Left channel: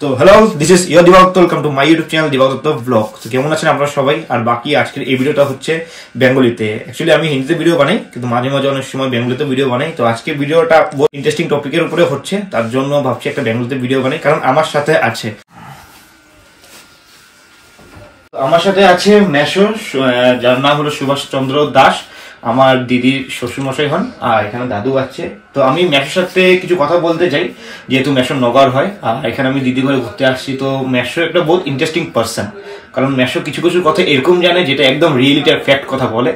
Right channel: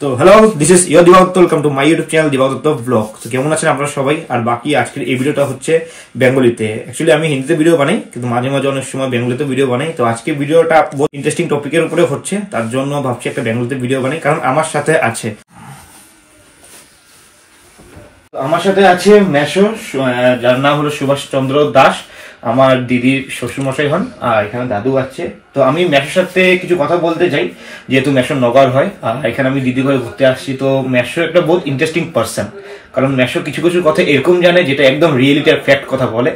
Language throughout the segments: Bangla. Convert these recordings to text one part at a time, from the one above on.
তো হ্যালো, দিস ইজ ইয়োর দিবাগত, welcome to my YouTube channel দিবাগত ব্লগ। তো কেমন আছেন আপনারা সবাই? আর বাকি আজকের এই ভিডিওটা হচ্ছে বেঙ্গলিতে। অ্যাকচুয়ালি আমি হিন্দিতে ভিডিও বানাই, কিন্তু মাঝে মাঝে অনেক সময় বেঙ্গলিতে ভিডিও বানাই। তো আজকে ভিডিওটা বহুত ইন্টারেস্টিং টপিকের উপরে হচ্ছে, তার জন্য ভাবছি একটা বেঙ্গলিতে ভিডিও বানাই, কারণ আমার সাথে আছে মেশো, যার নাম হলো সুভাষ চন্দ্র দাস, আমার দিদির শ্বশুরমশাই হন, আর এখানে দাদু আছে। তো আমি মেশোর সাথে কিছু কথা বলতে চাই, যেহেতু মেশো নগর হয়, আর এখানে আমি দিদি ঘরে ঘুরতে আসছি। তো মেশো একটা বহুত ইন্টারেস্টিং পার্সন, কারণ মেশো কিছু কিছু কথা এরকম জানে যেটা একদম রিয়েলিটি আর ফ্যাক্ট কথা বলে,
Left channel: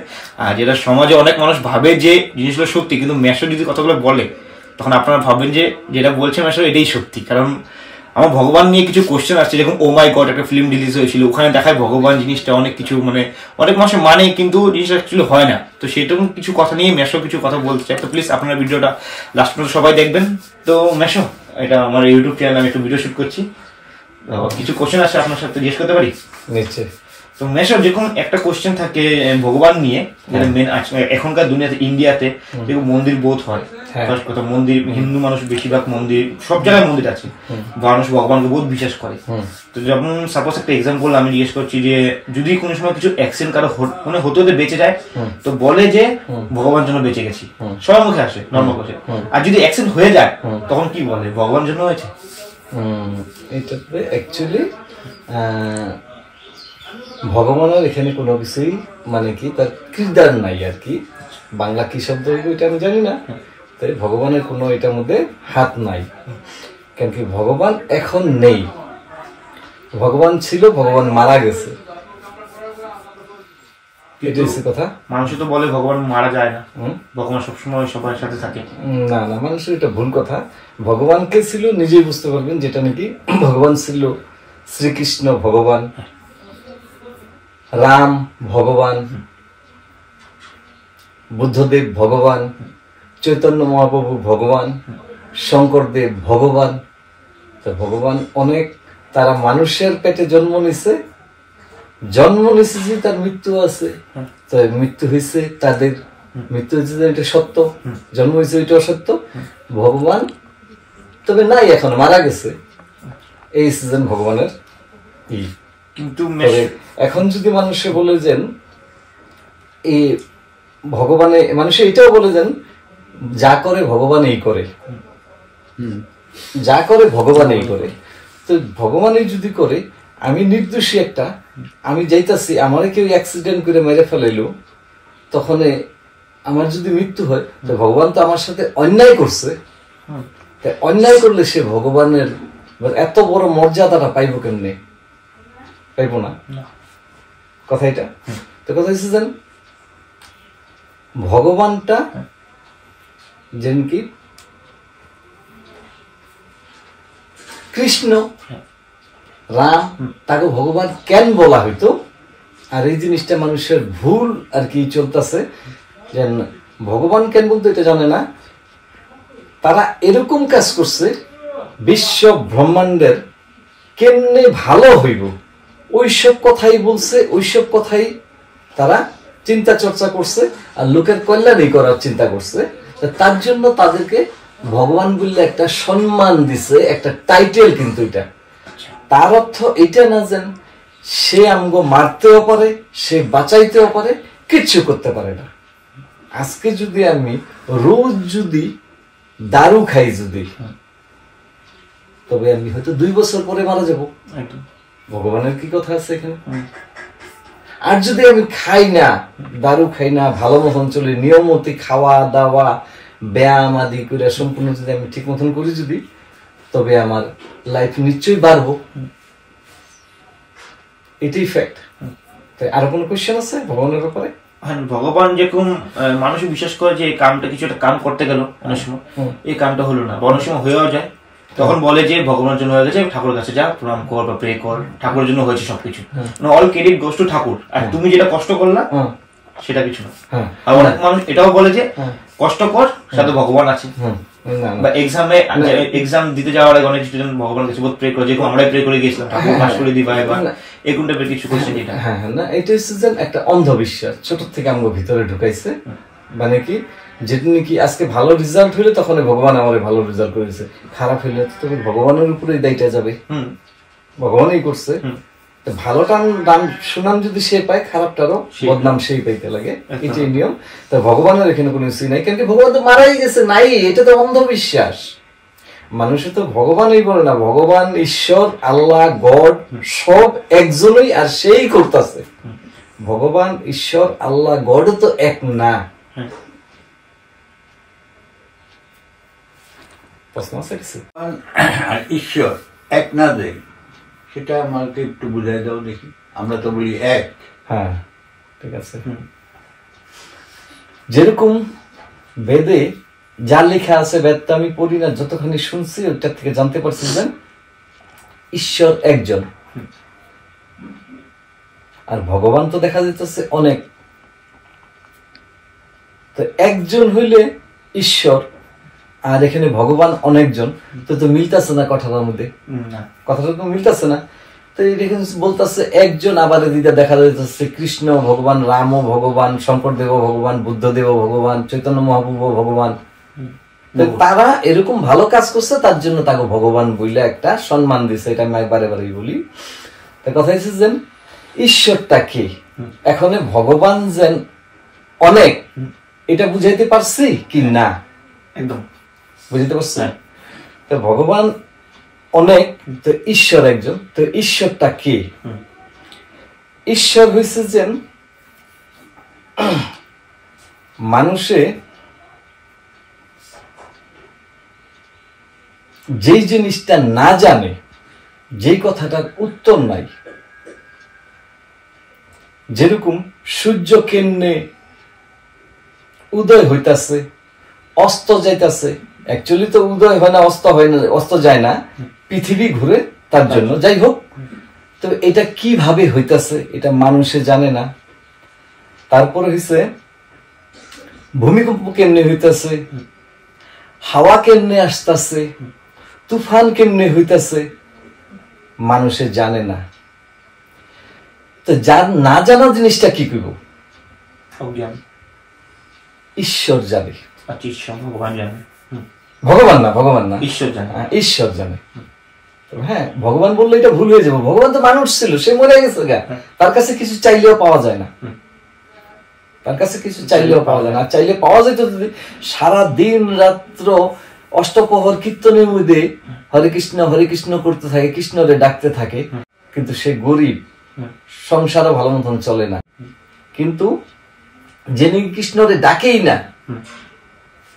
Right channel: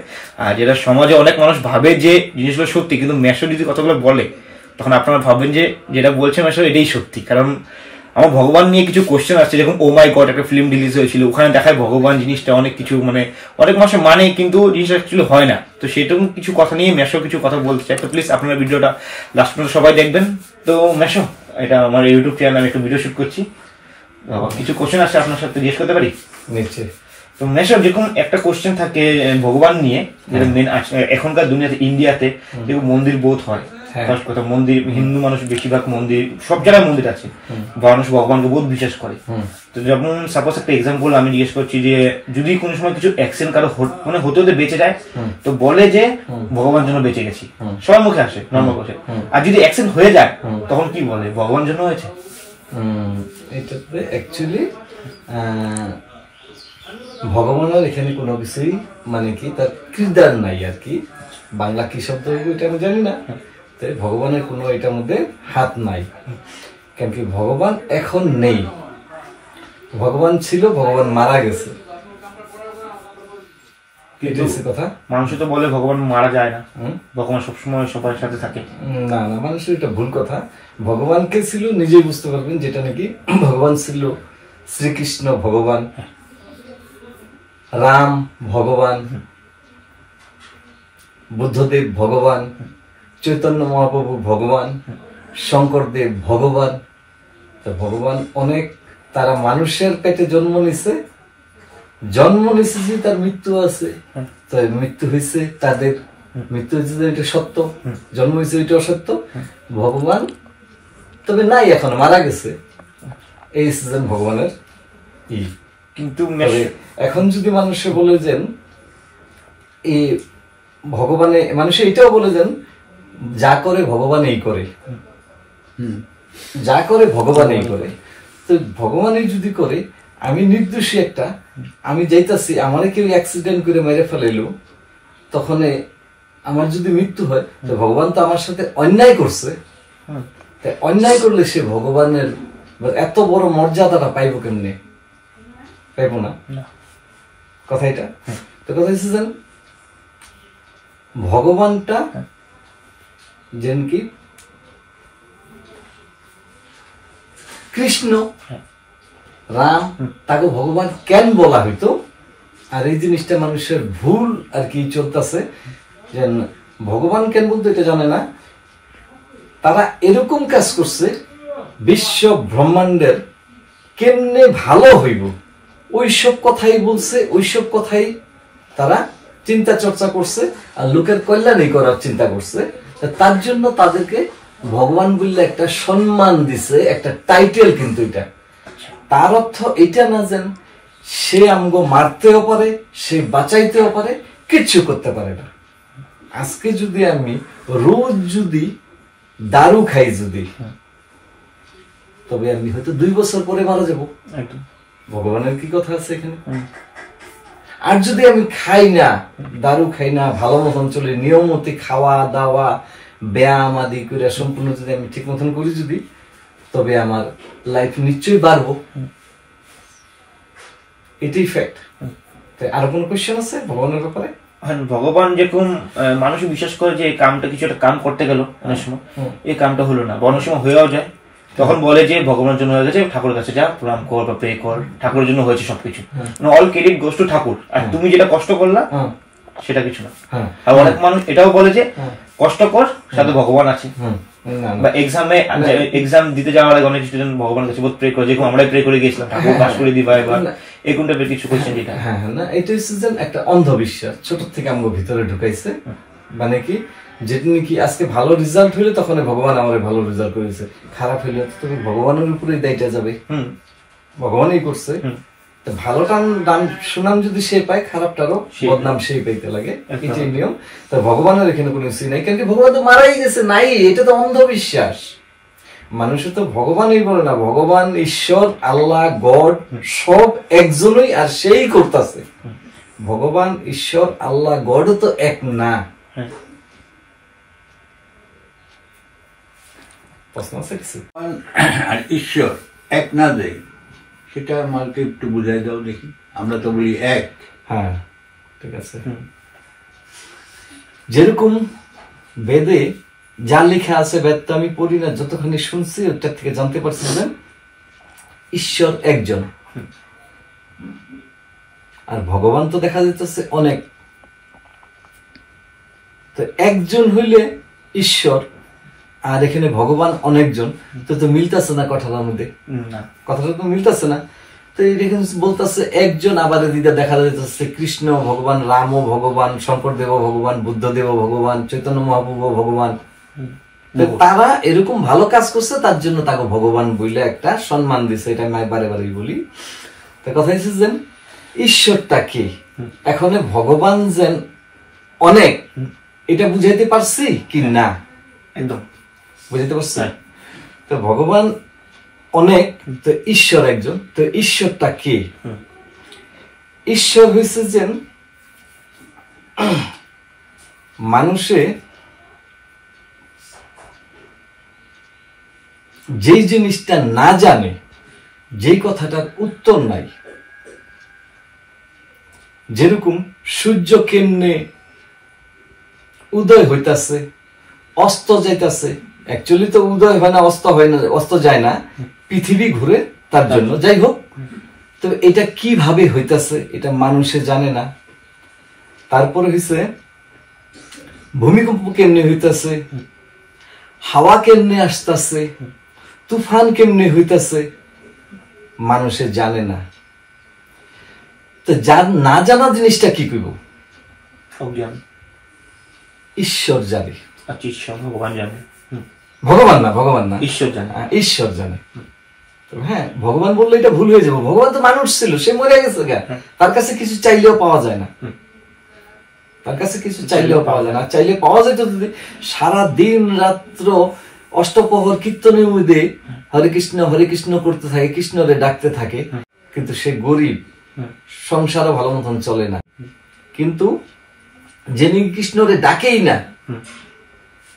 আর যেটা সমাজে অনেক মানুষ ভাবে যে জিনিসগুলো সত্যি, কিন্তু মেশো যদি কথাগুলো বলে তখন আপনারা ভাববেন যে যেটা বলছে মেশো এটাই সত্যি। কারণ আমার ভগবান নিয়ে কিছু কোশ্চেন আসছে, যেরকম ও মাই গড একটা ফিল্ম রিলিজ হয়েছিল, ওখানে দেখায় ভগবান জিনিসটা অনেক কিছু অনেক মানুষ মানে, কিন্তু জিনিসটা অ্যাকচুয়ালি হয় না। তো সেরকম কিছু কথা নিয়ে মেশো কিছু কথা বলতে চাই। তো প্লিজ আপনারা ভিডিওটা লাস্ট পর্যন্ত সবাই দেখবেন। তো মেশো, এটা আমার ইউটিউব চ্যানেল, আমি একটু ভিডিও শুট করছি, কিছু কোশ্চেন আছে আপনার সাথে জিজ্ঞেস করতে পারি? নিশ্চয়ই। তো মেশো, যেরকম একটা কোশ্চেন থাকে ভগবান নিয়ে, যেটা মেন এখনকার দুনিয়াতে ইন্ডিয়াতে যেরকম মন্দির বোধ হয়, ফার্স্ট কথা মন্দির, হিন্দু মানুষ বেশিরভাগ মন্দির, সব জায়গায় মন্দির আছে, মানুষ ভগবানকে বহুত বিশ্বাস করে। তো যেমন সাপোজ একটা এক্সাম্পল আমি জিজ্ঞেস করছি, যে যদি কোনো সময় কিছু অ্যাক্সিডেন্ট কারো হতে হতে বেঁচে যায়, তো বলে যে ভগবান জন্য বেঁচে গেছি, সবার মুখে আসে নর্মাল কথা। আর যদি অ্যাক্সিডেন্ট হয়ে যায় তখন কি বলে? ভগবান জন্য হয়েছে। এটাতে অ্যাকচুয়ালি ভগবানের এখানে কোনো কিছুই কি তার কিরদার নাই আর কি। বাংলা কি শব্দ এটা আমি জানি না, তাই ভগবানের কোনো এটার মধ্যে হাত নাই। কেন কি ভগবান এখন নেই, ভগবান ছিল, ভগবান মারা গেছে, কথা। মানুষ তো বলে ভগবান মারা যায় না, ভগবান সবসময় সবার সাথে থাকে। না না, মানুষের এটা ভুল কথা। ভগবানকে ছিল নিজেই বুঝতে পারবেন, যেটা নাকি ভগবান ছিল শ্রীকৃষ্ণ ভগবান, রাম ভগবান, বুদ্ধদেব ভগবান, চৈতন্য মহাপ্রভু ভগবান, শঙ্করদেব ভগবান। ভগবান অনেক, তারা মানুষের পেটে জন্ম নিছে যে তার মৃত্যু আছে, তো মৃত্যু হয়েছে, তাদের মৃত্যু হয়েছে, এটা সত্য, জন্ম হয়েছে এটা অসত্য। ভগবান তবে নাই, এখন মারা গেছে, এই সিজন ভগবানের। কিন্তু এখন যদি মানুষে বলে যেন এই ভগবানে, মানুষে এটাও বলে যেন যা করে ভগবান এই করে, যা করে ভগবান এই করে। তো ভগবানই যদি করে, আমি নির্দোষী একটা, আমি যাইতাছি, আমার কেউ অ্যাক্সিডেন্ট করে মেরে ফেলাইলো, তখন আমার যদি মৃত্যু হয়, তো ভগবান তো আমার সাথে অন্যায় করছে, অন্যায় করলে সে ভগবানের এত বড় মর্যাদাটা পাইব কেমনে? পাইব না, কথা এটা। তো কথা হচ্ছে যেন ভগবানটা যেন কি কৃষ্ণ, রাম, তাকে ভগবান কেন বলা হইতো? আর এই জিনিসটা মানুষের ভুল আর কি চলতেছে, যে ভগবান কেন বলতো এটা জানে না। তারা এরকম কাজ করছে, বিশ্ব ব্রহ্মাণ্ডের কেমনে ভালো হইব ওইসব কথাই বলছে, ওইসব কথাই তারা চিন্তা চর্চা করছে, আর লোকের কল্যাণই করার চিন্তা করছে। তার জন্য তাদেরকে ভগবান বললে একটা সম্মান দিছে, একটা টাইটেল। কিন্তু এটা তার অর্থ এটা না যেন সে আমগো মারতেও পারে, সে বাঁচাইতেও পারে, কিচ্ছু করতে পারে না। আজকে যদি আমি রোজ যদি দারু খাই, তবে আমি হয়তো 2 বছর পরে মারা যাবো। ভগবানের কি কথা আছে এখানে? আর যদি আমি খাই না, দারু খাই না, ভালো মতন চলি, নিয়মতি খাওয়া দাওয়া ব্যায়াম আদি করে সম্পূর্ণ যদি আমি ঠিক মতন করি, যদি তবে আমার লাইফ নিশ্চয়ই বাড়বো, এটাই ফ্যাক্ট। তাই আর কোনো কোয়েশ্চেন আছে ভগবানের ব্যাপারে? ভগবান যেরকম মানুষ বিশ্বাস করে যে এই কামটা, কিছু একটা কাম করতে গেল অনেক সময় এই কামটা হলো না, অনেক সময় হয়েও যায়, তখন বলে যে ভগবানের জন্য হয়ে গেছে, ঠাকুরের কাছে যা প্রণাম কর বা প্রে কর, ঠাকুরের জন্য হয়েছে সবকিছু, অল ক্রেডিট গোস টু ঠাকুর, আর তুমি যেটা কষ্ট করলা সেটা কিছু না। আর অনেক মানুষ এটাও বলে যে কষ্ট কর, সাথে ভগবান আছে, বা এক্সাম দিতে যাওয়ার আগে অনেক স্টুডেন্ট ভগবানের কাছে বহুত প্রে করে, যেরকম আমরাই প্রে করে গেছিলাম, ঠাকুর পাস করে দিবা, এবার এরকম টাইপের কিছু কোশ্চেন। যেটা না, এটা হচ্ছে একটা অন্ধবিশ্বাস, ছোট থেকে আমার ভিতরে ঢুকাইছে। কি যেটা নাকি আজকে ভালো রেজাল্ট হইলে তখন ভগবান আমার ভালো রেজাল্ট করেছে, খারাপ হইলে তো তুমি ভগবানের উপরেই দায়টা যাবে, ভগবানই করছে। ভালোটা দান সুনাম যদি সে পায়, খারাপটারও বদনাম সেই পাইতে লাগে, এটাই নিয়ম। তা ভগবানের এখানে কোনো কিছু নাই, কারণ ভগবান তো মারাই গেছে, নাই, এটা তো অন্ধবিশ্বাস। মানুষে তো ভগবানই বলে না, ভগবান, ঈশ্বর, আল্লাহ, গড সব একজনই, আর সেই করতেছে। ভগবান, ঈশ্বর, আল্লাহ, গড তো এক না। প্রশ্ন আছে কিছু? আর ঈশ্বর এক না দেয়, সেটা আমাকে একটু বুঝাই দাও দেখি। আমরা তো বলি এক। হ্যাঁ, ঠিক আছে। যেরকম বেদে যা লেখা আছে, বেদটা আমি পড়ি না, যতখানি শুনছি ওটার থেকে জানতে পারছি যে ঈশ্বর একজন, আর ভগবান তো দেখা যাইতেছে অনেক। তো একজন হইলে ঈশ্বর, আর এখানে ভগবান অনেকজন, তো মিলতেছে না কথাটার মধ্যে, কথাটা তো মিলতেছে না। তো এখানে বলতেছে একজন, আবার এদিকে দেখা যাইতেছে কৃষ্ণ ভগবান, রাম ভগবান, শঙ্কর দেব ভগবান, বুদ্ধ দেব ভগবান, চৈতন্য মহাপ্রভু ভগবান। তারা এরকম ভালো কাজ করছে, তার জন্য তাকে ভগবান বললে একটা সম্মান দিছে, এটা আমি বারে বারে বলি। তার কথা হচ্ছে যে ঈশ্বরটা কি, এখন ভগবান যেন অনেক, এটা বুঝাইতে পারছি কি না? একদম বুঝতে পারছি। তো ভগবান অনেক, তো ঈশ্বর একজন। তো ঈশ্বরটা কি? ঈশ্বর হয়েছে যে মানুষে যেই জিনিসটা না জানে, যেই কথাটার উত্তর নাই, যেরকম সূর্য কেমনে উদয় হইতাছে, অস্ত যাইতাছে, অ্যাকচুয়ালি তো উদয় হয় না, অস্ত হয় না, অস্ত যায় না, পৃথিবী ঘুরে তার জন্য। যাই হোক, তো এটা কিভাবে হইতাছে এটা মানুষে জানে না। তারপরে হইছে ভূমিকম্প কেমনে হইতাছে, হাওয়া কেমনে আসতেছে, তুফান কেমনে হইতাছে, মানুষে জানে না। তো যার না জানা জিনিসটা কি করব? ঈশ্বর জানে। ভগবান জানে, ভগবান না, ভগবান না, ঈশ্বর জানে, ঈশ্বর জানে। হ্যাঁ, ভগবান বললে এটা ভুল হয়ে যাবো। ভগবান তো মানুষ ছিল, সে মরে গেছে, তার কাছে কিছু চাইলেও পাওয়া যায় না, তার কাছে কিছু চাইলেও পাওয়া যায় না। চাইলে পাওয়া যেত যদি সারা দিন রাত্র অষ্টপ্রহর কীর্তনের মধ্যে হরে কৃষ্ণ করতে থাকে, কৃষ্ণরে ডাকতে থাকে, কিন্তু সে গরিব, সংসারও ভালো মতন চলে না। কিন্তু যিনি কৃষ্ণরে ডাকেই না,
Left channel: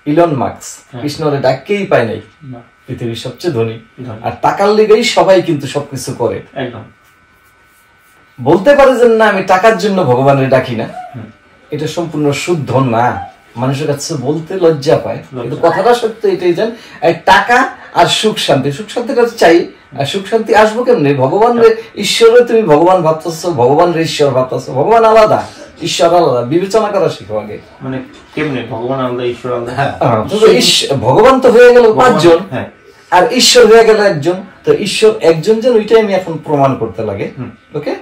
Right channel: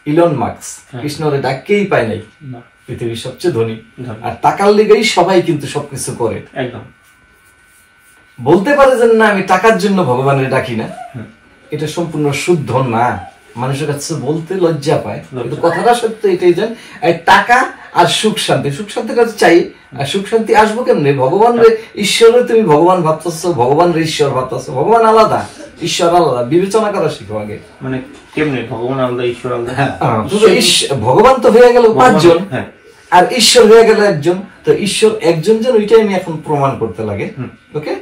ইলন মার্কস, কৃষ্ণরে ডাককেই পায় নাই, পৃথিবীর সবচেয়ে ধনী, আর টাকার লেগেই সবাই কিন্তু সবকিছু করে। একদম বলতে পারে যে না, আমি টাকার জন্য ভগবানের ডাকি না, এটা সম্পূর্ণ শুদ্ধ না। মানুষের কাছে বলতে লজ্জা পায়, কিন্তু কথাটা সত্য এটাই জান, টাকা আর সুখ শান্তি, সুখ শান্তির কাছে চাই, আর সুখ শান্তি আসবো কেমনি? ভগবান রে ঈশ্বরে তুমি ভগবান ভাবতেছো, ভগবান রে ঈশ্বর ভাবতেছো, ভগবান আলাদা, ঈশ্বর আলাদা, বিবেচনা করা শিখো আগে। মানে কেমনে ভগবান আলাদা, ঈশ্বর আলাদা? ভগবান তো হয়ে গেল পাঁচজন, আর ঈশ্বর হয়ে গেল একজন। তো ঈশ্বর একজন যেন, ওইটাই আমি এখন প্রমাণ করতে লাগে। ওকে,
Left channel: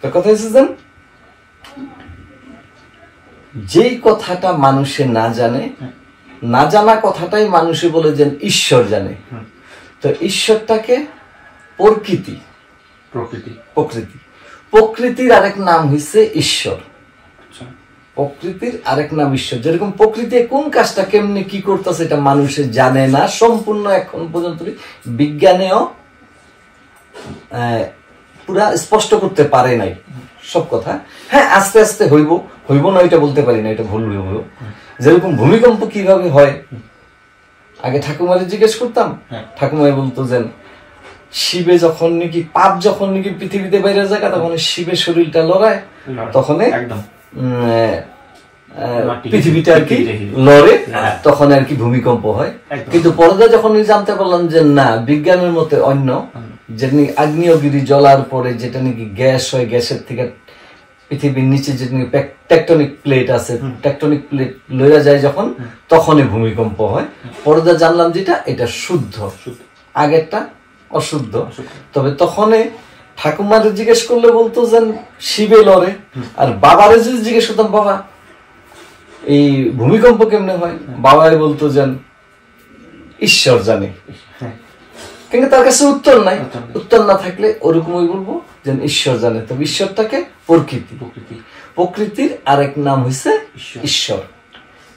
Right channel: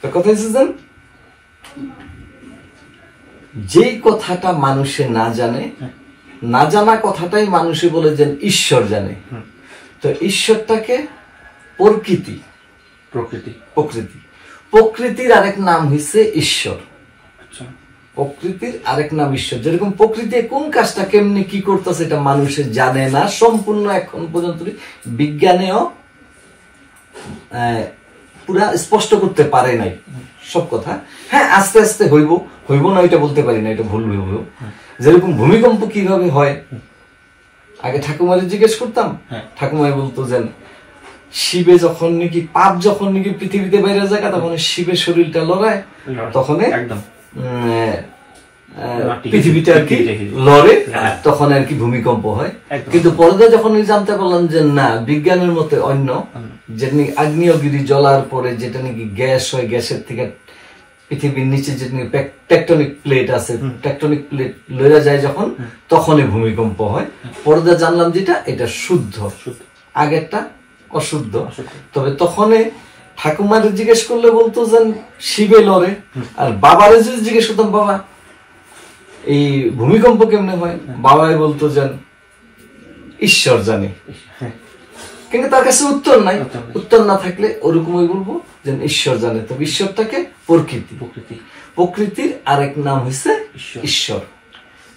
তো কথা হচ্ছে যে যেই কথাটা মানুষে না জানে, না জানা কথাটাই মানুষে বলে যে ঈশ্বর জানে। তো ঈশ্বরটাকে প্রকৃতি, প্রকৃতি, প্রকৃতি, প্রকৃতির আরেক নাম হচ্ছে ঈশ্বর। প্রকৃতির আরেক নাম ঈশ্বর। যেরকম প্রকৃতি কোন কাজটা কেমনি কি করতেছে এটা মানুষে জানে না সম্পূর্ণ, এখন পর্যন্ত বিজ্ঞানেও পুরা স্পষ্ট করতে পারে নাই সব কথা। হ্যাঁ, আস্তে আস্তে হইব না, এটা বলতে পারি না, এটা ভুল হইব। যেরকম ভূমিকম্প কিভাবে হয়, আগে ঠাকুমারে জিজ্ঞেস করতাম, ঠাকুমারে বলতো যে শিবে যখন নাকি পাপ যখন নাকি পৃথিবীতে বাইরে যায়, তখন শিবের শরীরটা লড়ায়, তখন একদম পৃথিবীটা আর কি লড়ে, তখন আর কি ভূমিকম্প হয়। কিন্তু পরে যখন জানতে পারলাম যে না, বিজ্ঞানের মতে অন্য, যেমনি আগ্নেয়গিরি জ্বলার পরে যেটা নাকি গ্যাস হয়, গ্যাসের থেকে পৃথিবীর নিচে যে টেকটনিক প্লেট আছে, টেকটনিক প্লেট লইয়া যায় যখন, তখনই ভূমিকম্প হয়। পরে জানলাম যেটা এটা শুদ্ধ, আগেরটা অশুদ্ধ। তবে তখন ঠাকুমার জিজ্ঞেস করলে বলতো যে শিবে লড়ে, আর বাবারে যদি জিজ্ঞেস করতাম, বাবা এই ভূমিকম্প কেমনে হয়, বাবাই বলতো যেন ঈশ্বর জানে, কিন্তু তার কাছে উত্তর নাই। উত্তর না থাকলে ওরকমই বলবো যেন ঈশ্বর জানে। তবে ঈশ্বরটাকে প্রকৃতি, প্রকৃতির আরেক নাম হইছে ঈশ্বর।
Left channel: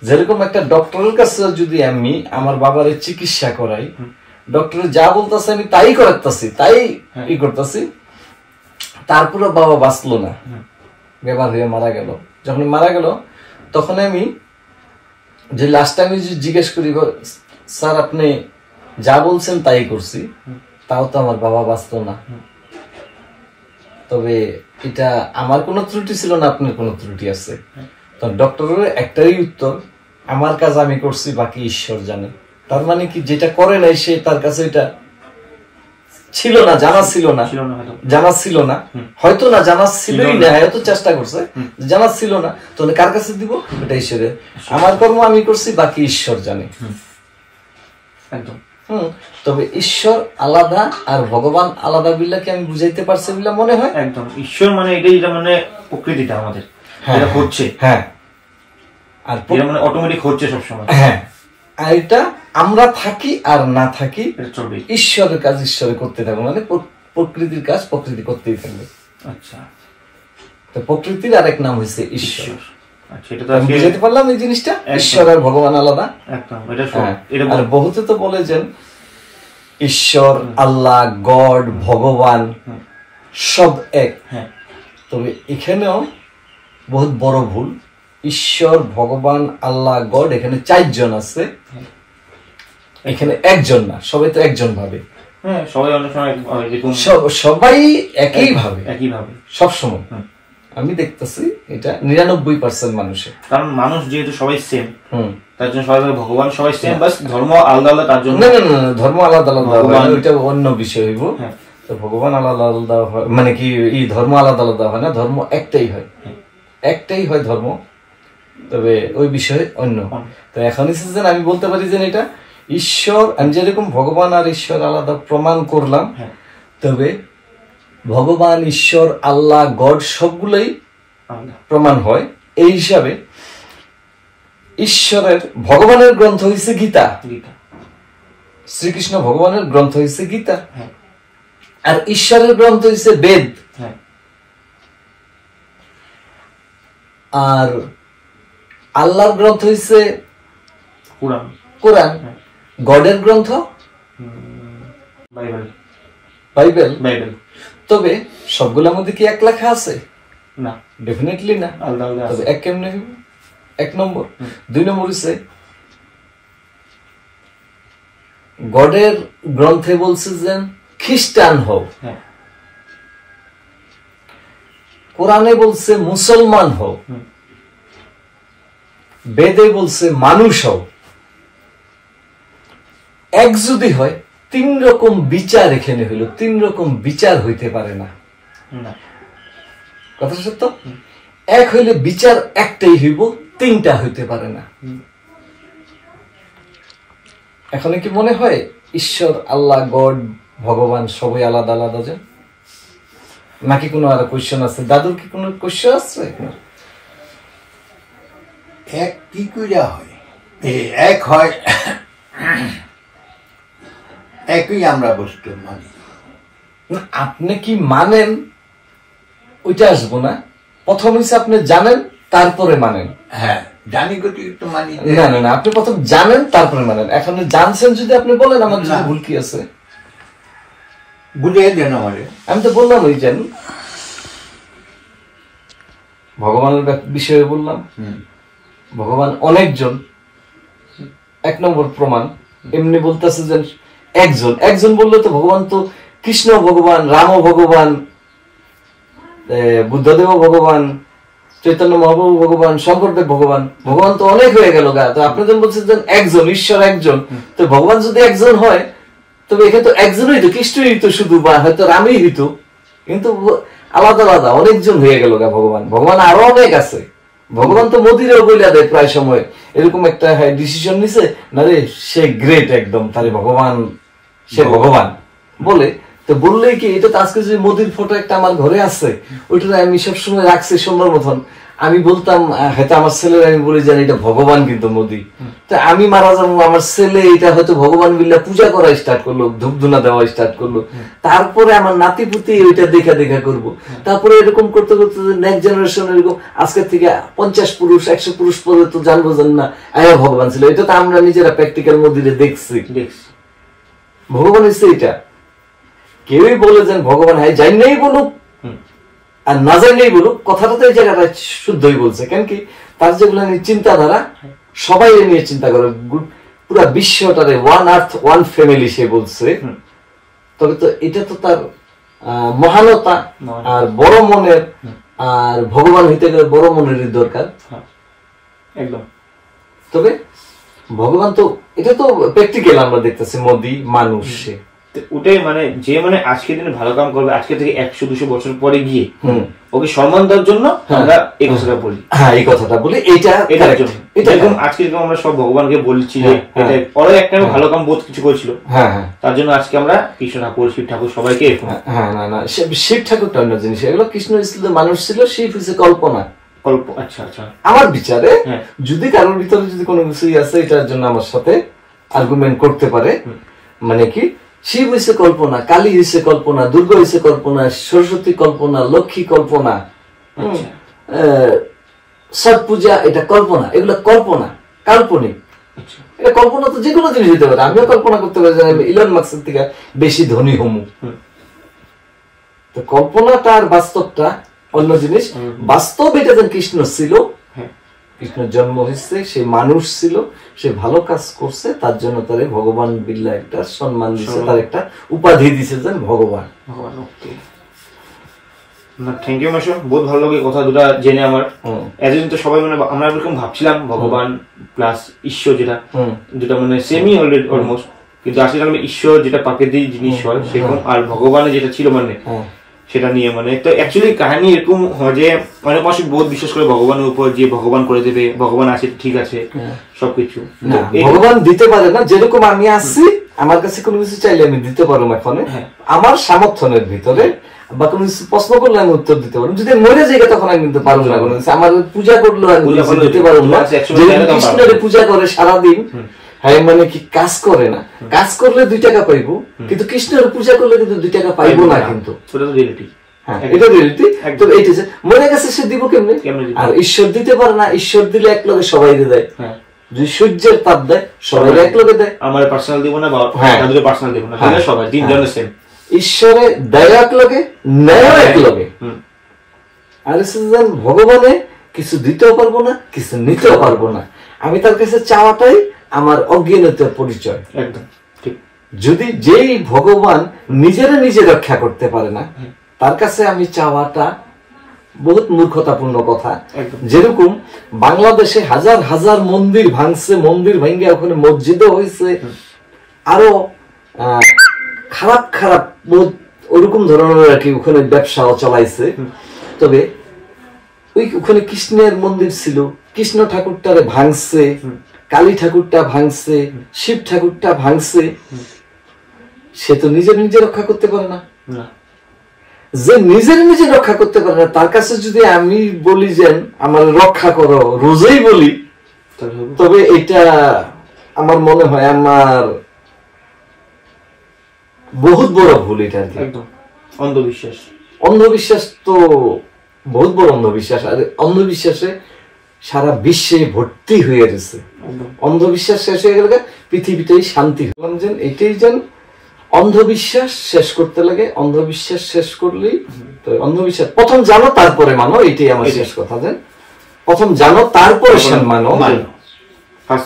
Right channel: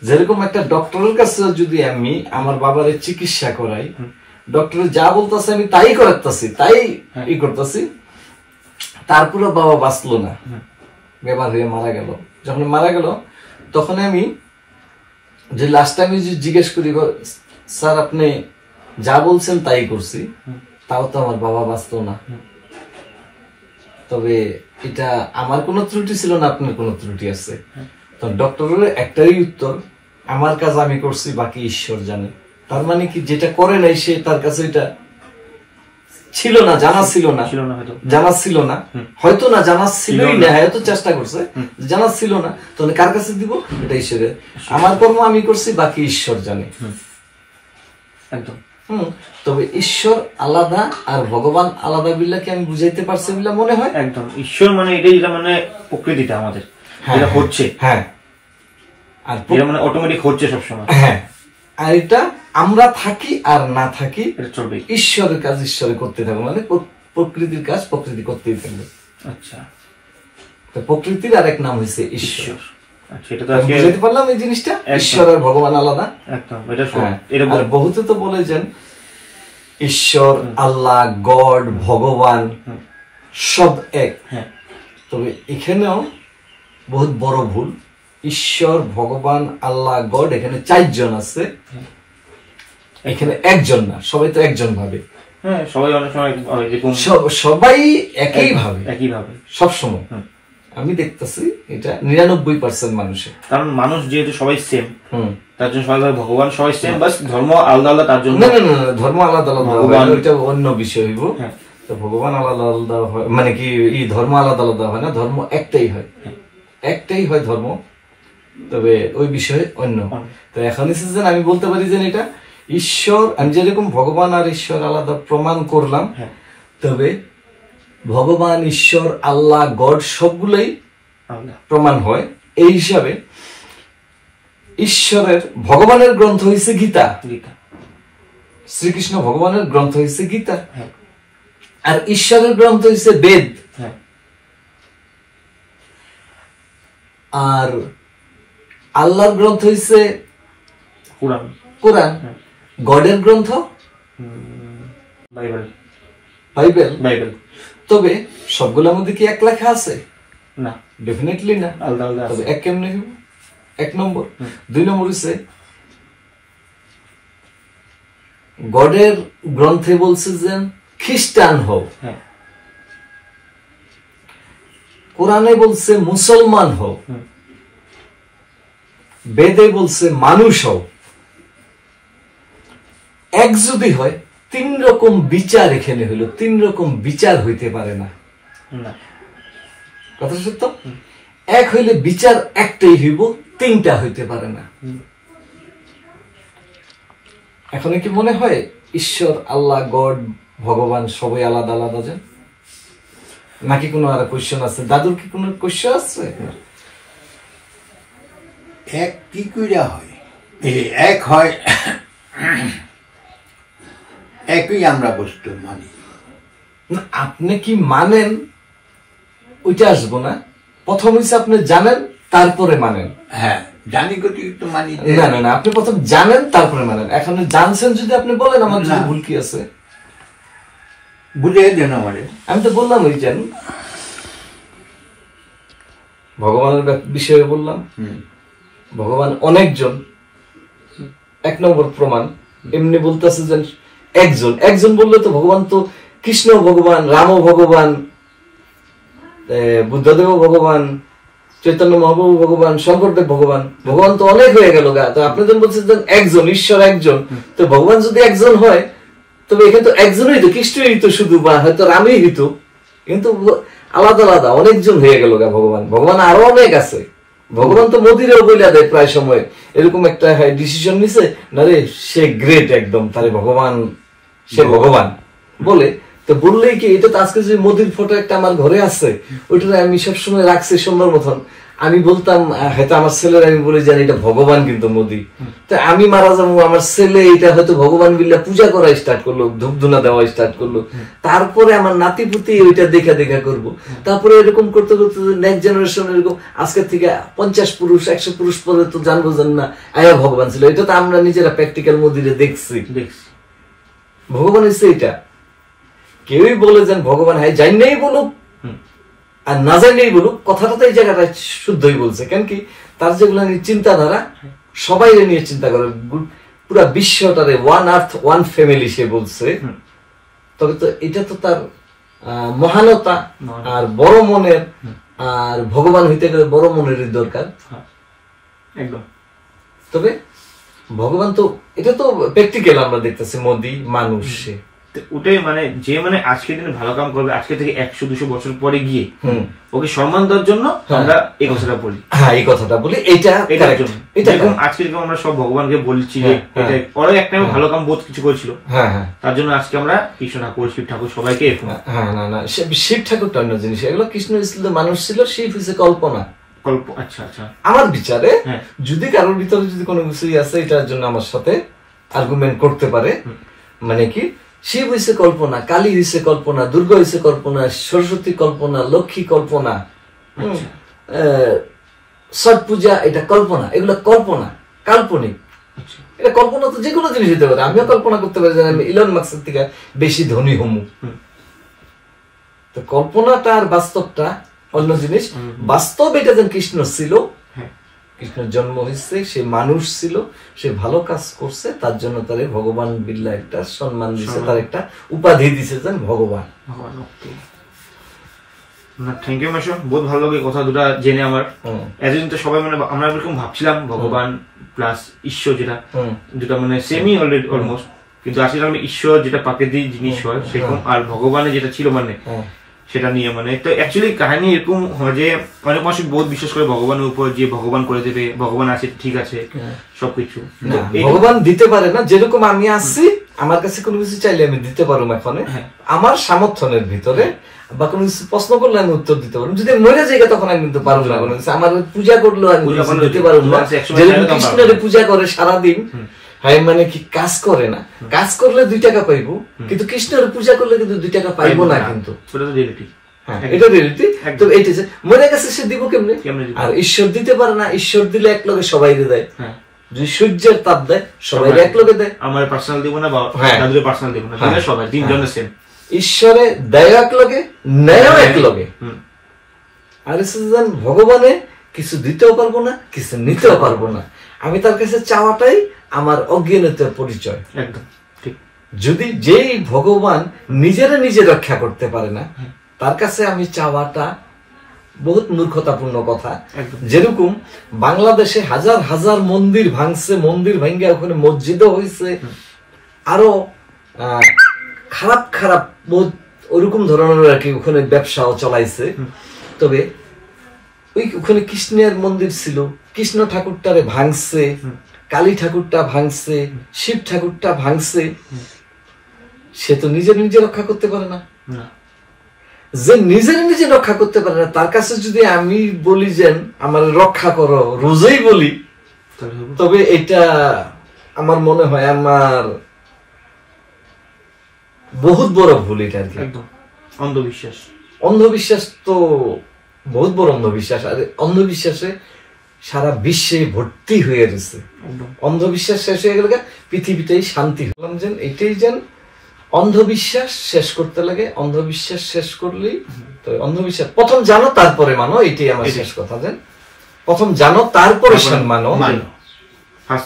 যেরকম একটা ডক্টরের কাছে যদি আমি আমার বাবারে চিকিৎসা করাই, ডক্টর যা বলতেছে আমি তাই করাতেছি, তাই ই করতেছি, তারপরে বাবা বাঁচলো না, বেমার হয়ে মারা গেল। যখন মারা গেল তখন আমি যে লাস্ট টাইম জিজ্ঞেস করি, স্যার আপনি যা বলছেন তাই করছি, তাও তো আমার বাবা বাঁচলো না। তবে এটা আমার কোনো ত্রুটি ছিল না, আপনার কোনো ত্রুটি আছে। তো ডক্টরের একটাই উত্তর, আমার কাজ আমি করছি, বাকি ঈশ্বর জানে। তার মানে কি, যেটা করে নাই সে, তার কাছে এটা ছিল না, জানা ছিল না, জানা ছিল না, হয়তো না জানা ছিলই না, হয়তো চেষ্টা করছে, জানা ছিল না, তাহলে কার কাছে দিব? এটা ঈশ্বরের। আমার কর্ম আমি করছি, বাকি ঈশ্বর জানে। একদম। তবে ঈশ্বর আলাদা আর ভগবান আলাদা বিল্লাকে আমি বুঝাইতে পারছি বলে মনে হয়। একদম, ঈশ্বর মানে এটাই, যেটা মানে প্রকৃতিটা আমাদের যেটা হচ্ছে, হ্যাঁ, আর যেটা মানে অটোমেটিক হচ্ছে সবসময়। হ্যাঁ, আর এটা আমরা থাকি আর না থাকি, এটা চলবে। ঈশ্বরের কাজ ঈশ্বরে করতে থাকবে, মানে প্রকৃতির কাজ প্রকৃতি করতেই থাকবে। আচ্ছা, তো প্রকৃতির আরেক নাম হয়েছে ঈশ্বর। আচ্ছা, এটা তো আজকে বুঝতে পারলাম এই জিনিসটা, ঈশ্বর আর ভগবান আলাদা। একদম, এটা আর বহুতে তো বলে যে ঈশ্বর, আল্লাহ, গড, ভগবান সব এক। তবে এখানেও বহুত বড় ভুল। ঈশ্বর, ভগবান, আল্লাহ, গড এখানে 4 জন আছে, এখানে একজন না, সবাই তো একজন ভাবে। হ্যাঁ, সবাই অনেক সময় সবাই একই ভাবে, সব সময়। আমি দেখতেছি এটা 99% মানুষের, কারণ মানুষ যেহেতু সবাই সেম, তার জন্য সবাই ভগবান সবাই সেম, বাস ধর্ম আলাদা আলাদা, তার জন্য না, ধর্ম আলাদা আলাদা, ওইটা অন্য বিষয় হইব। তো ভগবান আলাদা আলাদা হয়, মানে কি এই ধর্ম আলাদা আলাদা হয় না, ধর্ম একটাই হয়, একটাই হয় ধর্ম, তবে ওই বিষয়ে অন্য। তো এখন আমি বলতে পারি যে এটা ঈশ্বর, আমি যেরকম ভগবান আর ঈশ্বর আলাদা প্রমাণ করলাম, তবে ভগবান, ঈশ্বর, আল্লাহ, গড সবগুলোই প্রমাণ হয়। এই হিসাবে ঈশ্বরের, ভগবানের গ্রন্থ হয়েছে গীতা, শ্রীকৃষ্ণ ভগবানের গ্রন্থ হয়েছে গীতা, আর ঈশ্বরের গ্রন্থ হয়েছে বেদ, আর আল্লাহর গ্রন্থ হয়েছে কোরআন, গডের গ্রন্থ বাইবেল। তবে সবগুলোর মধ্যে কি এক লেখা আছে? না, ডেফিনেটলি না, আলাদা আলাদা। তবে এক কেমনে হইব? 1 নম্বর। 2 নম্বর হচ্ছে গডের গ্রন্থে বলছে যে খ্রিস্টান হও, কোরআনে বলছে মুসলমান হও, বেদে বলছে মানুষ হও। এক যদি হয়, 3 রকম বিচার এখানে হইল, 3 রকম বিচার হইতে পারে না, কথা সত্য। এক হইলে বিচার একটাই হইব, 3টা হইতে পারে না। এখন কি মনে হয় ঈশ্বর, আল্লাহ, গড, ভগবান সবাই আলাদা আলাদা যে, নাকি কোনো আর কোয়েশ্চেন আছে? দাদুর কি কোনো কোয়েশ্চেন আছে? এক কি কইরা হয়, এক হয় একই আমরা বস্তু মানি। আপনি কি মানেন ওইটা আসবো না, প্রথম হচ্ছে আপনি জানেন তারপরে মানেন। হ্যাঁ, জানি গতি তো মানি না, আপনি প্রথম জানেন তারপরে মানেন। এখন জানছেন যদি আপনি বলেন আমার যদি ভুল কি আছে বুঝিয়ে দেন আমাদের। আমি তো বললাম ওই জান ভগবানের বিষয়ে বললাম, ভগবান অনেকজন, 1 নম্বর প্রমাণ। এমনি বলতেছে যে একজন বললে তো ভগবান তো কৃষ্ণ ভগবান, রাম ভগবান, বুদ্ধদেব ভগবান, চৈতন্য মহাপ্রভু ভগবান, শঙ্করদেব ভগবান, ভগবান তো অনেক হয়ে গেল গা। তো আপনি যখন বলছেন যে একজন, ঈশ্বর একজন, তো ভগবান যদি একজন হয় তবে এখানে তো একজনই তো, কৃষ্ণই হইতো শুধু, বা হয়তো রামই হইতো, কিন্তু আলাদা আলাদা অনেকজন হয়ে গেল গা। ভগবান আরো অনেক আছে। ভগবান তো মোদিরেও বইলা দেয় প্রায় সময়, এরকম একটা ডিসিশন নিছে না রে, সে গ্রেট একদম, তাহলে ভগবান, সে ভগবান বলে। তো বললেই কি, এটা তো আজকে যে মোদির ফটো একটা আমার ঘরে আছে, ওইটা আমি সবসময় রাখছি সুন্দর মতন। আমি বলতাম হয়তো আমার ছেলের আমি বলে জানি এটা ভগবান কিন্তু মোদি, তো আমি মারা যাবো, আমার ছেলে এটা হয়তো ভগবান বিল্লা পূজা করা স্টার্ট করলো, ধূপধুনা দেওয়া স্টার্ট করলো, তারপরে আমার নাতি পুতি ওইটা দেখা দেখা করবো, তারপরে এরকম করতে করতে নেক্সট জেনারেশন এরকম আজকের থেকে 50 পুরুষ 100 পুরুষ পরে তো জানবো জান না আয়া ভগবান ছিল। এটা তো আমরা নিজেরা প্র্যাকটিক্যাল মধ্যে দেখছি। ভগবান হচ্ছে এটা। কেউই বলে যেন ভগবান হয়, যাই নেই বলুক আর না জানেই বলুক, কথাটা তো এই জায়গাটা শুদ্ধই বলছে। কেন কি তার যেগুলো নিয়ে চিন্তাধারা, সবাই নিয়ে চিন্তা করে, পুরা বিশ্বটারে ওয়ান আর্থ ওয়ান ফ্যামিলি সে বলছে। তবে তো এটা তো তার মহানতা আর বড় মনের, আর ভগবান হইতে গেলে বড় মনেরই দরকার একদম। তবে ভগবান তো এটা তো প্র্যাকটিক্যাল আমরা দেখতেছি, মোদি মানুষ সে ওটাই মানে যে মানে আজকের দিনে ভালো কাম করবে, আজকে থেকে 100-200 বছর পরে গিয়ে ওকে সম্মান দেওয়ার জন্য আমরা এই কথাটা বলি। হ্যাঁ, এই কথাটা বলি, এটার জন্য। যেরকম আজকে যেরকম আমরা সব ভগবানকে বলছি যে এটা ওরা একটা ভালো কাম বোধ কিছু করেছিল, তার জন্য আজকে আমরা কৃষ্ণ ঠাকুর, শিব ঠাকুর সবাইকে। হ্যাঁ, না শিব ঠাকুরটা অন্য জিনিস, এগুলো কৃষ্ণ ছিল মানুষ ছিল, শিব হচ্ছে কল্পনা। আচ্ছা আচ্ছা, আমার বিচারে যদি কারোর ভিতরে যদি কোনো কিছুই আছে এটার জন্য আমার সাথে আর্গুমেন্ট করতে পারে, মানে কি শিব হইছে কল্পনা, কালী হইছে কল্পনা, দুর্গা হইছে কল্পনা, সরস্বতী কল্পনা, লক্ষ্মী কল্পনা, ছট পূজা এটা কল্পনা, এগুলো কল্পনা, কাল্পনিক। এটা কল্পনা তো যে কোনো জিনিস হতে পারে। আমিও কল্পনা করতে পারি যে আমি ইলন মাস্কের থেকে বেশি ধনী হমু। তো কল্পনাটা আর বাস্তবটা অন্য জিনিস। বাস্তব এটা যেন কৃষ্ণ ছিল, কৃষ্ণের জন্ম হয়েছে, সে মানুষ ছিল, সে ভালো কাজ করছে, তার জন্য তারে ভগবান বিল্লা একটা সম্মান দিছে, তার একটা উপাধি দিছে যেন ভগবান। থ্যাংক ইউ মাসু, বহুত ভালো লাগে কথা দুটা জেনে আমার। এতদিন তো সবাই মানে আমরা এরকম ভাবছিলাম ভগবান প্লাস ঈশ্বর, যেটা দুটা মানে সেমি অলমোস্ট, কিন্তু আসলে আমি ঈশ্বর যেটা প্রাকৃতিক জিনিস হয় সেরকম, আর ভগবানের যেটা ছিল মানে সেটা নিয়ে মানে। তো অ্যাকচুয়ালি কাহিনী এরকম হয় যে অনেক মানুষ বহুত বিশ্বাস করে ভগবানের উপর, যে ভগবান করে দেবে, ভগবান আছে ঠিক আছে সবকিছু। ভগবান দিতে পারে না, যেরকম আমি আসছি আমার কাছে কোনো কিছু চাইলে আমি দিতে পারবো এখন আমার সামর্থ্যের ভিতরে, বা কোনো কিছু প্রশ্ন করলে আমি উত্তর দিতে পারবো। যদি মরে যাই তখন আমি কিন্তু পারবো না, আমার পূজা করলে আমি দিতে পারবো না। কৃষ্ণের পূজা করে সারাদিন, হ্যাঁ মানে কি কাজ করে না, কাজ করলে 2 টাকা পাইবো, কিন্তু কৃষ্ণের পূজা করলে কিন্তু 2 টাকা পাইবো না। কিন্তু এটা রিয়েলিটি। তো এইটা মরে গেছে, সে দিব কেমনে? আর ঈশ্বর দিতে পারে না, ঈশ্বর দিলে এক লগে সবাই দেয়। যদি সূর্যের তাপ দেয় সবাই এক লগে দেয়, আমার পার্সোনাল দিব না বা দাদুদের পার্সোনাল দিব না, সবাই তিনজনের সেম। ঈশ্বরে দেয় এক লগে, ন্যায় এক লগে। আর ভগবানে কিছু দিতেও পারবো না, কিছু নিতেও পারবো না। আমি তার কাছে চাওয়াটাই আমার অজ্ঞানতার পরিচয়। একদম ঠিক। যদি যেই ভগবান নিজে রক্ষা করতে পারে না, তার কাছে আমি চাওয়াটা বহুত মূর্খতাপূর্ণ কথা। যেরকম বাংলাদেশে হাজার হাজার মন্দির ভাঙছে, মন্দির ভেঙে ওখানে মসজিদও হয়েছে, আরো খারাপ খারাপ ওরকম ধরনের আর কি ওখানে ব্যবসাও চলাইছে। তবে ওখানে কৃষ্ণের মন্দির ছিল, কৃষ্ণ ঠাকুরটারে ভাঙছে, কালী ঠাকুরটা ভাঙছে, শিব ঠাকুরটা ভাঙছে, সে তো নিজে রক্ষা করতে পারে না। যে নিজে রক্ষা করতে পারে না, তার কাছে যদি আমি বলি যে আমার রক্ষা করো, রোজেই বলি, তবে এটা আমার মনে হয় আমার বহুত বড় ভুল। এটা আর কি অন্ধবিশ্বাস। অন্ধবিশ্বাস তো বহুত বড় অন্ধবিশ্বাস, আর অন্ধবিশ্বাসে সারা বিশ্বে ভর্তি হয়ে গেছে। অন্ধবিশ্বাস শেষ হয়ে গেলে পৃথিবীটাই শান্তি। এটাই যেন অন্ধবিশ্বাস শেষ করতে লাগে, অন্ধবিশ্বাস শেষ করলেই তো অন্ধবিশ্বাস প্রথম জানো তারপরে মানো, এটাই আমার শেষ কথা। যেন প্রথম জানো তারপরে মানো,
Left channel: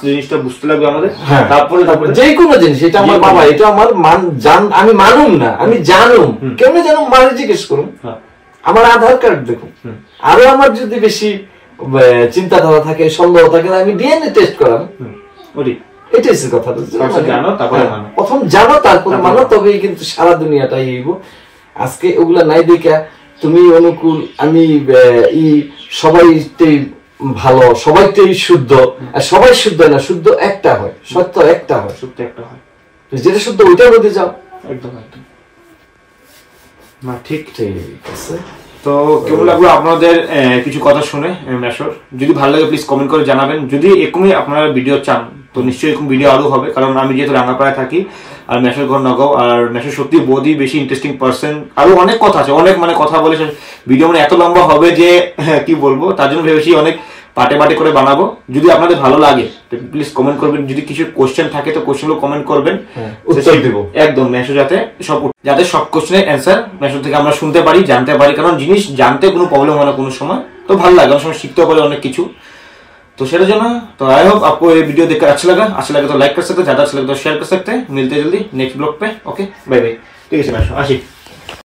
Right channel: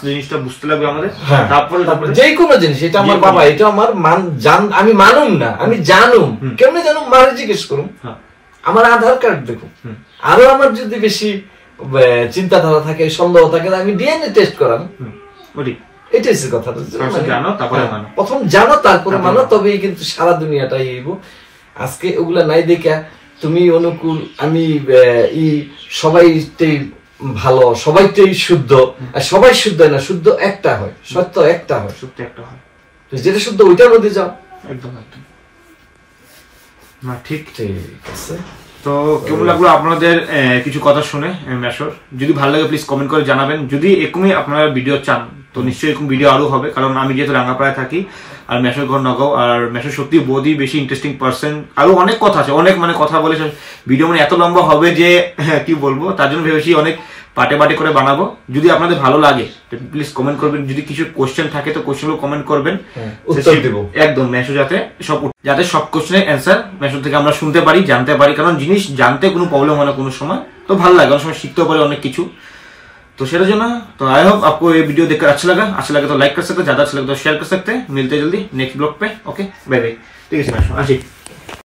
জিনিসটা বুঝতে লাগবে আমাদের, তারপরে যে কোনো জিনিস। এটা আমার বাবা, এটা আমার আমি মানুম না, আমি জানুম। কেমনে জানুম? মারে জিজ্ঞেস করুন, আমার আধার কার্ড দেখুন। আরো আমার যদি বেশি চিন্তাধারা থাকে, সন্দেহ থাকে, আমি ডিএনএ টেস্ট করাম। এটাই কথা। প্রথম জানো তারপরে মানো, তবেই কিন্তু সারা দুনিয়াটাই এইব। আজকে ওগুলা নাই দেখা তুমি অনুকূল, আমি সবাইটাই ভালো, সবাইটাই শুদ্ধ, আর সবাই শুদ্ধ না, শুদ্ধ একটা হয়, সত্য একটা হয়, সত্য একটা হয়, যেটা শুদ্ধ ওইটার মধ্যে যাও। একদম একদম না, ঠিক ঠিক আছে। তো কেমন লাগলো আপনাদের কিছু কথা শুনে মেশোর? যদি ভালো লাগে প্লিজ কমেন্ট করে জানাবেন। যদি এরকমই আপনারা ভিডিও চান তো নিশ্চয়ই এরকম ভিডিও আরো হবে, কারণ আমি যেহেতু রাঙ্গাপাড়ায় থাকি আর মেশোর ঘর নগাঁও, আর মেশো সত্যি বহুতই বেশি ইন্টারেস্টিং পার্সন। আরো অনেক কথা আছে, অনেক মানে কথা বলে ভিডিও মানে এত লম্বা হবে যে কি বলবো, তার জন্য ভেবেছি অনেক পাটে পাটে করে বানাবো। যদি আপনাদের ভালো লাগে প্লিজ কমেন্ট করবেন, যদি কিছু কোশ্চেন থাকে তো কোশ্চেনগুলো কমেন্ট করবেন, উত্তর দেব একদম। মেশো যাতে সব কোশ্চেনের অ্যান্সার মেশো থেকে আমরা শুনতে পারি, জানতে পারি, কারণ জিনিস জানতে কোনো প্রবলেম হয় না কোনো সময়, তো ভালো লাগে, অনেক সময় শিখতেও পারি অনেক কিছু। तो সেটার জন্য তো आई होप आपको ये वीडियो देखकर अच्छा लगा तो लाइक कर सकते हो, ज्यादा अच्छा लगा तो शेयर कर सकते हैं। मिलते हैं जल्दी नेक्स्ट ब्लॉग पे। Okay bye bye. ठीक है, आशी।